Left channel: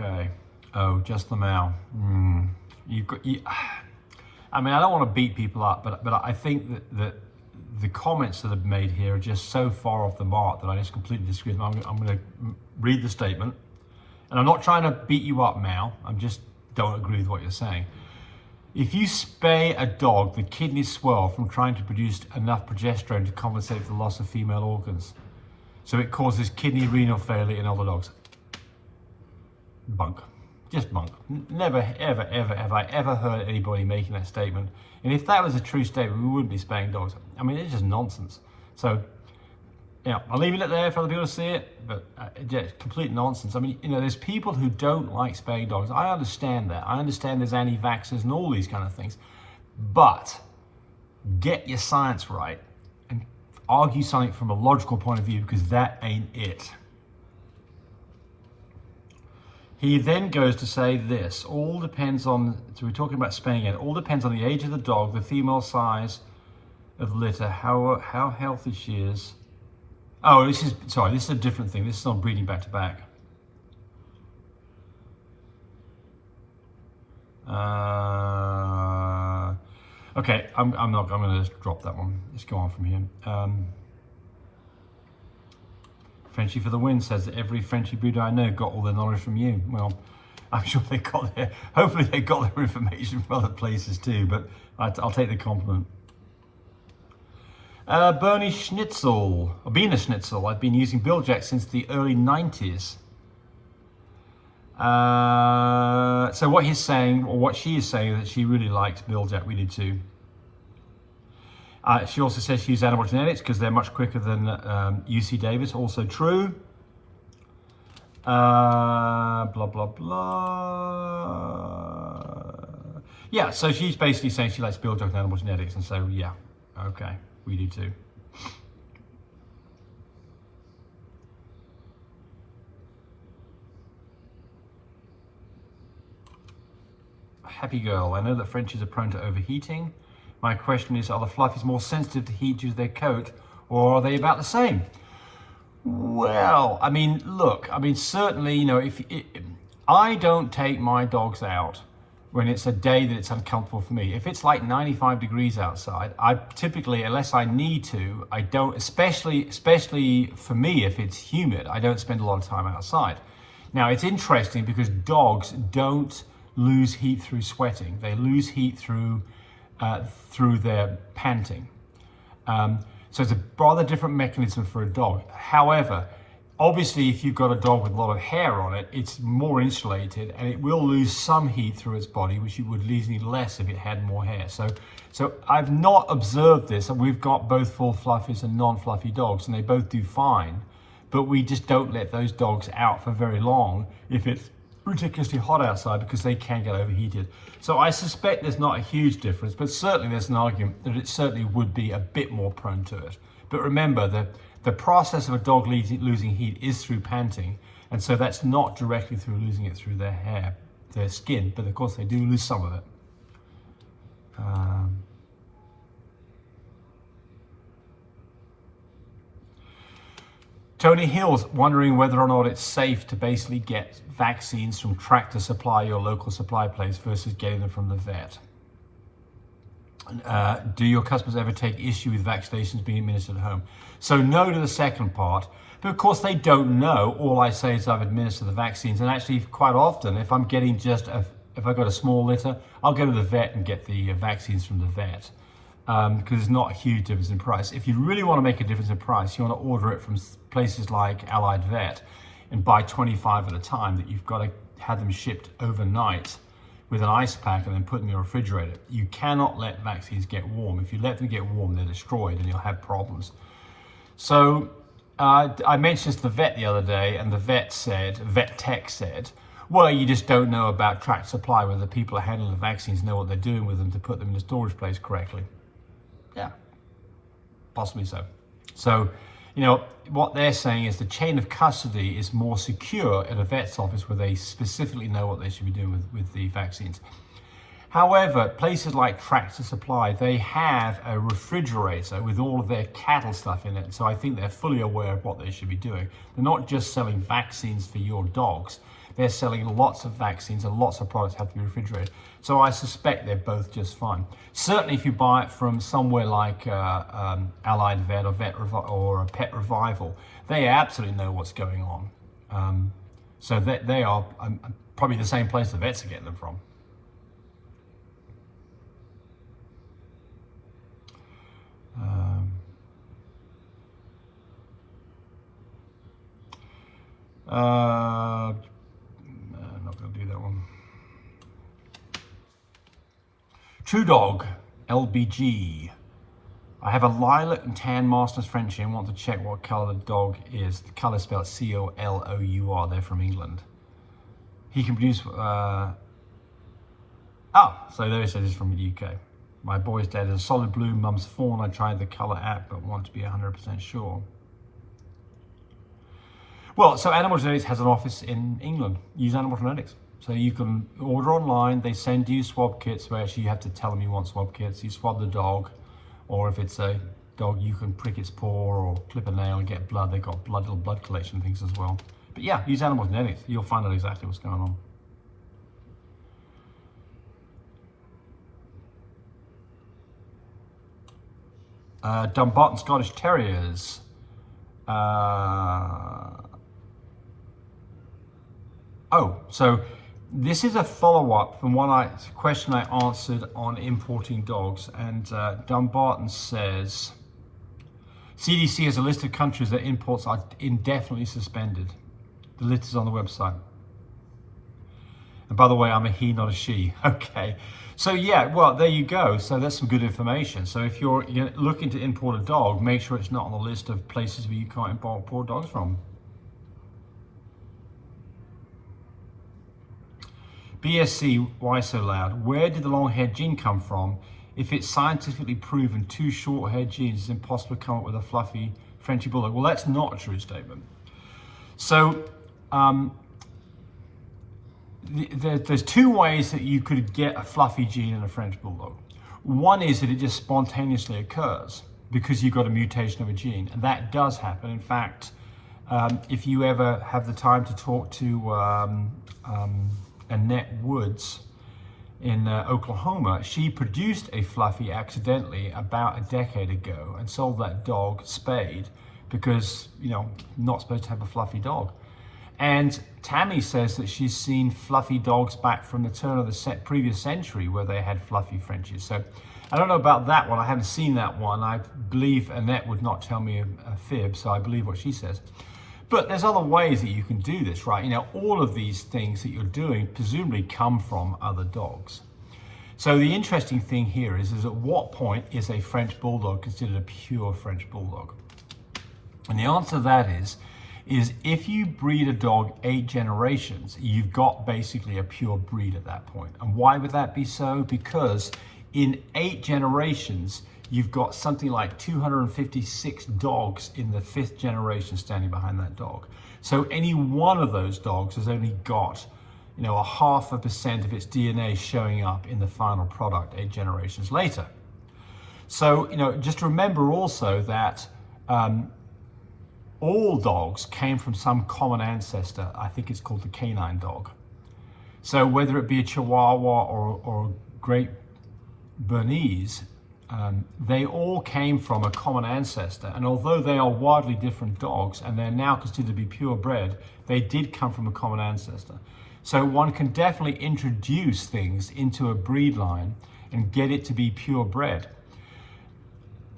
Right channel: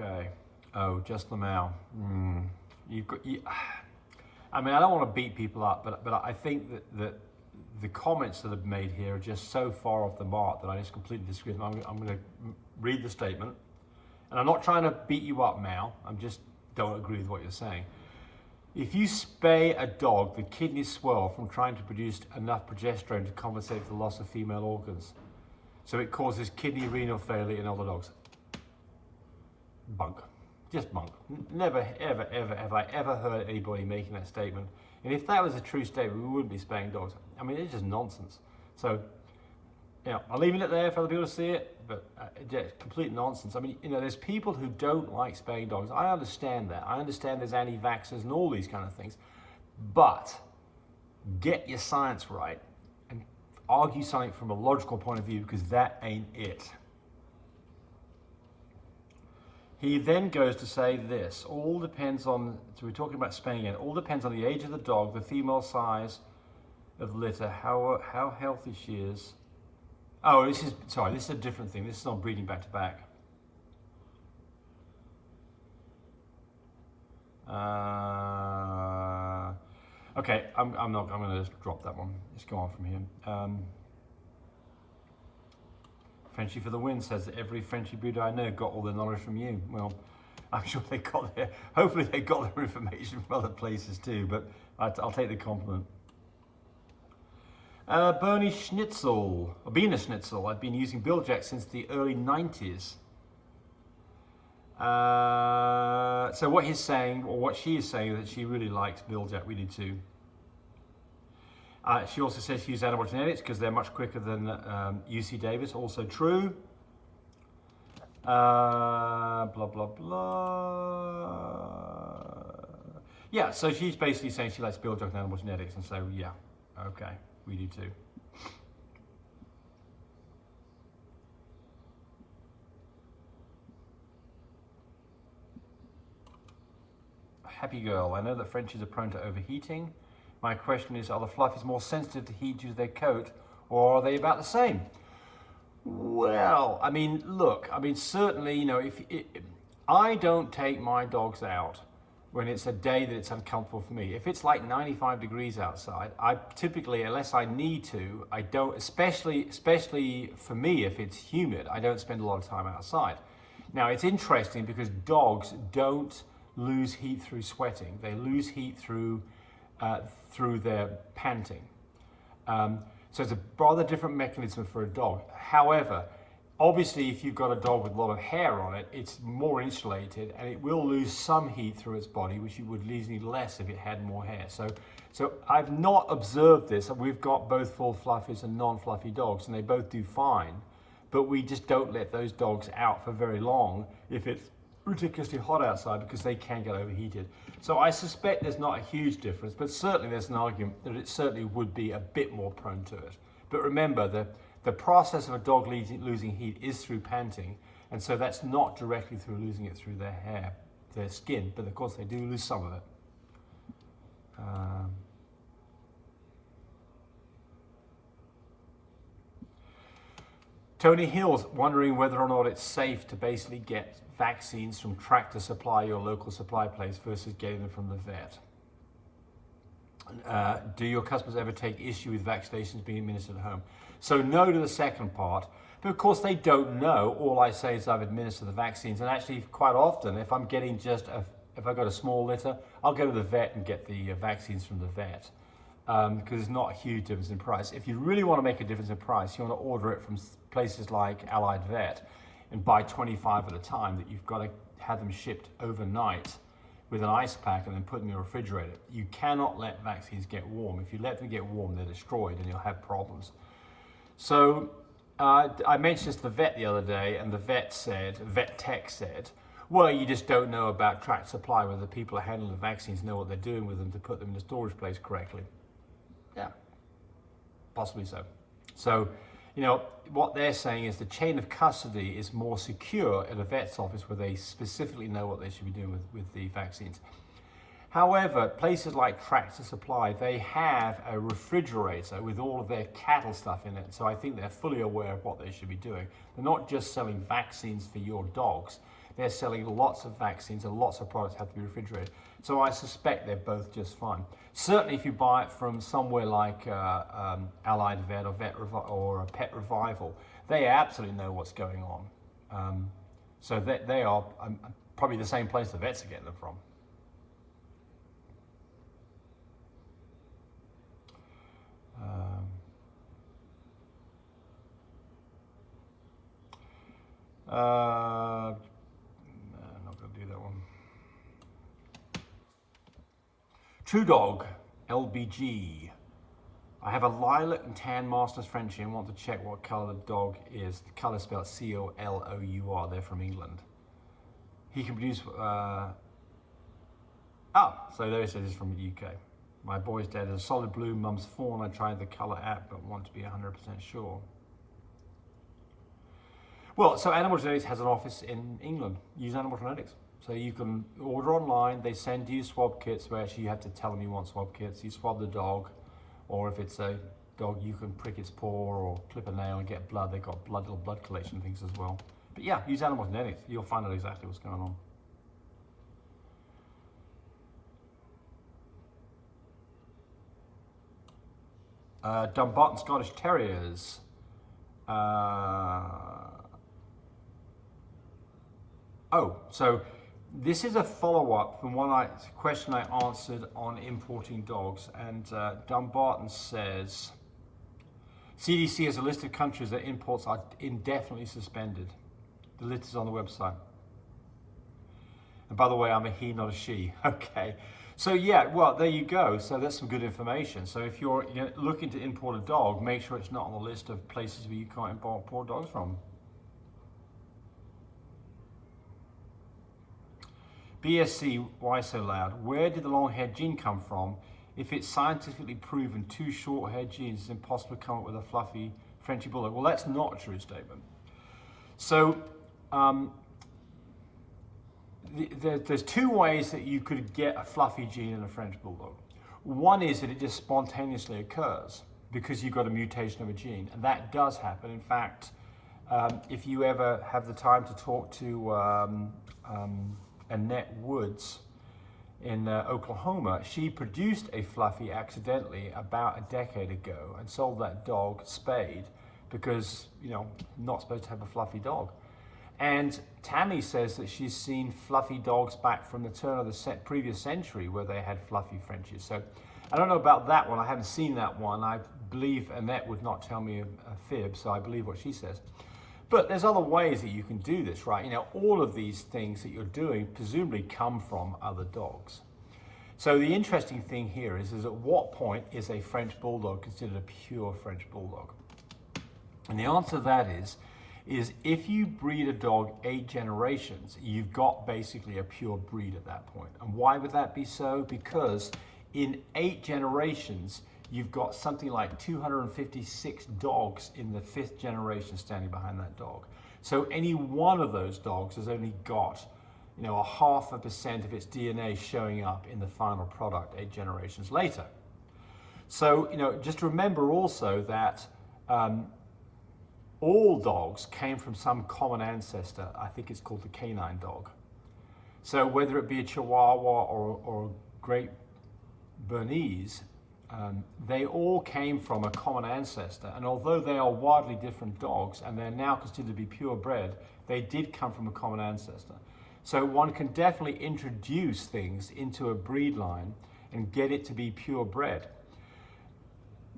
Okay. Oh, just the male. You've got. I mean, I don't want to beat people up, but I think that the comments that are made here are just so far off the mark that I just completely disagree with them. I'm going to read the statement, and I'm not trying to beat you up, Mal. I just don't agree with what you're saying. If you spay a dog, the kidneys swell from trying to produce enough progesterone to compensate for the loss of female organs. So it causes kidney renal failure in older dogs. Bunk. Just bunk. Never, ever, ever have I ever heard anybody making that statement. And if that was a true statement, we wouldn't be spaying dogs. I mean, it's just nonsense. So, I'm leaving it there for other people to see it, but just complete nonsense. I mean, there's people who don't like spaying dogs. I understand that. I understand there's anti-vaxxers and all these kind of things. But get your science right and argue something from a logical point of view, because that ain't it. He then goes to say this, all depends on, so we're talking about spaying it, all depends on the age of the dog, the female size of litter, how healthy she is. Oh, this is a different thing. This is on breeding back to back. Okay, I'm going to just drop that one. Let's go on from here. Frenchie for the win says that every Frenchie breeder I know got all their knowledge from you. Well, I'm sure hopefully they got their information from other places too, but I'll take the compliment. Bernie Schnitzel, or Bina Schnitzel, I've been using Biljack since the early 90s. So what he's saying, or what she is saying, is that she really likes Biljack. We do too. She also says she uses animal genetics because they're much quicker than UC Davis. Also true. Blah, blah, blah. Yeah, so she's basically saying she likes Biljack and animal genetics. And so, yeah, okay, we do too. Happy girl, I know that Frenchies are prone to overheating. My question is, are the fluffies more sensitive to heat due to their coat, or are they about the same? Well, I mean, look, certainly, I don't take my dogs out when it's a day that it's uncomfortable for me. If it's like 95 degrees outside, I typically, unless I need to, I don't, especially for me, if it's humid, I don't spend a lot of time outside. Now, it's interesting because dogs don't lose heat through sweating. They lose heat through their panting. So it's a rather different mechanism for a dog. However, obviously if you've got a dog with a lot of hair on it, it's more insulated and it will lose some heat through its body, which it would lose less if it had more hair. So I've not observed this. We've got both full fluffies and non-fluffy dogs, and they both do fine, but we just don't let those dogs out for very long if it's ridiculously hot outside, because they can get overheated. So I suspect there's not a huge difference, but certainly there's an argument that it certainly would be a bit more prone to it. But remember, the process of a dog losing heat is through panting, and so that's not directly through losing it through their hair, their skin, but of course they do lose some of it. Tony Hill's wondering whether or not it's safe to basically get vaccines from Tractor Supply, your local supply place, versus getting them from the vet. Do your customers ever take issue with vaccinations being administered at home? So no to the second part, but of course they don't know. All I say is I've administered the vaccines, and actually quite often, if I'm getting if I've got a small litter, I'll go to the vet and get the vaccines from the vet. Because there's not a huge difference in price. If you really want to make a difference in price, you want to order it from places like Allied Vet and buy 25 at a time, that you've got to have them shipped overnight with an ice pack and then put them in your refrigerator. You cannot let vaccines get warm. If you let them get warm, they're destroyed and you'll have problems. So I mentioned this to the vet the other day, and the vet tech said, well, you just don't know about Tractor Supply, whether the people who handle the vaccines know what they're doing with them to put them in a storage place correctly. Yeah, possibly so. So, what they're saying is the chain of custody is more secure at a vet's office, where they specifically know what they should be doing with the vaccines. However, places like Tractor Supply, they have a refrigerator with all of their cattle stuff in it. So I think they're fully aware of what they should be doing. They're not just selling vaccines for your dogs. they're selling lots of vaccines and lots of products have to be refrigerated. So I suspect they're both just fine. Certainly if you buy it from somewhere like Allied Vet or Pet Revival, they absolutely know what's going on. So they are probably the same place the vets are getting them from. I'm not going to do that one. True Dog, LBG. I have a lilac and tan Mastiff Frenchie and want to check what colour the dog is. The colour is spelled C-O-L-O-U-R. They're from England. He can produce... so there it says he's from the UK. My boy's dad is a solid blue, mum's fawn. I tried the colour app but want to be 100% sure. Well, so Animal Genetics has an office in England. Use Animal Genetics. So you can order online. They send you swab kits where actually you have to tell them you want swab kits. You swab the dog, or if it's a dog, you can prick its paw or clip a nail and get blood. They've got little blood collection things as well. But yeah, use Animal Genetics. You'll find out exactly what's going on. Dumbarton Scottish Terriers. So this is a follow-up from question I answered on importing dogs, and Dumbarton says, CDC has a list of countries that imports are indefinitely suspended. The list is on the website. And by the way, I'm a he, not a she. Okay. So yeah, well, there you go. So that's some good information. So if you're looking to import a dog, make sure it's not on the list of places where you can't import dogs from. BSC, why so loud? Where did the long-haired gene come from? If it's scientifically proven 2 short-haired genes, it's impossible to come up with a fluffy Frenchy Bulldog. Well, that's not a true statement. So there's 2 ways that you could get a fluffy gene in a French Bulldog. One is that it just spontaneously occurs because you've got a mutation of a gene, and that does happen. In fact, if you ever have the time to talk to Annette Woods in Oklahoma, she produced a fluffy accidentally about a decade ago and sold that dog spayed because, not supposed to have a fluffy dog. And Tammy says that she's seen fluffy dogs back from the turn of the previous century where they had fluffy Frenchies. So I don't know about that one. I haven't seen that one. I believe Annette would not tell me a fib, so I believe what she says. But there's other ways that you can do this, right? All of these things that you're doing presumably come from other dogs. So the interesting thing here is at what point is a French Bulldog considered a pure French Bulldog? And the answer to that is if you breed a dog 8 generations, you've got basically a pure breed at that point. And why would that be so? Because in 8 generations, you've got something like 256 dogs in the 5th generation standing behind that dog. So any one of those dogs has only got, a 0.5% of its DNA showing up in the final product 8 generations later. So, just remember also that all dogs came from some common ancestor. I think it's called the canine dog. So whether it be a Chihuahua or Great Bernese, they all came from a common ancestor, and although they are wildly different dogs and they're now considered to be purebred, they did come from a common ancestor. So one can definitely introduce things into a breed line and get it to be purebred.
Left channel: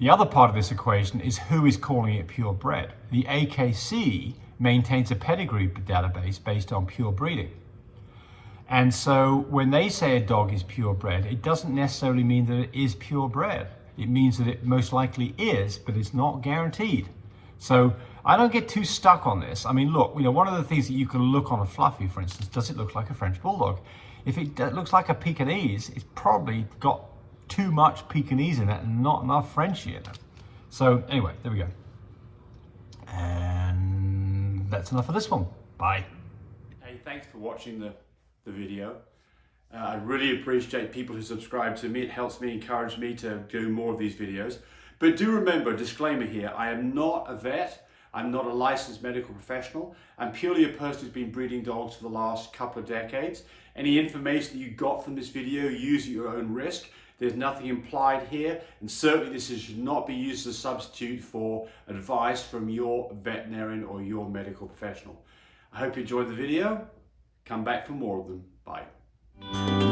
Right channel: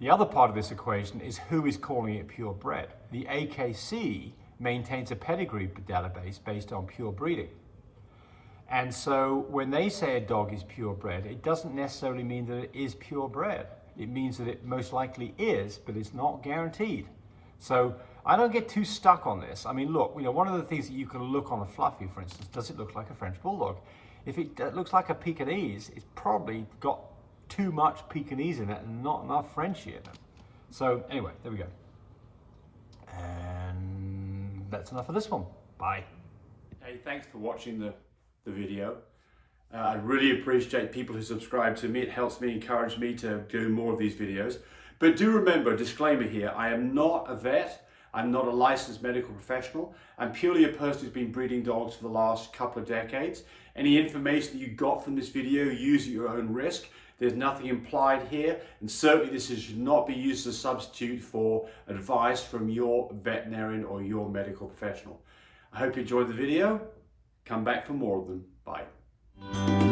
The other part of this equation is who is calling it purebred. The AKC maintains a pedigree database based on pure breeding. And so when they say a dog is purebred, it doesn't necessarily mean that it is purebred. It means that it most likely is, but it's not guaranteed. So I don't get too stuck on this. I mean, look, one of the things that you can look on a fluffy, for instance, does it look like a French Bulldog? If it looks like a Pekingese, it's probably got too much Pekingese in it and not enough Frenchie in it. So anyway, there we go. And that's enough of this one. Bye. Hey, thanks for watching the video. I really appreciate people who subscribe to me. It helps me, encourage me to do more of these videos. But do remember, disclaimer here, I am not a vet. I'm not a licensed medical professional. I'm purely a person who's been breeding dogs for the last couple of decades. Any information that you got from this video, use at your own risk. There's nothing implied here, and certainly this should not be used as a substitute for advice from your veterinarian or your medical professional. I hope you enjoyed the video. Come back for more of them. Bye.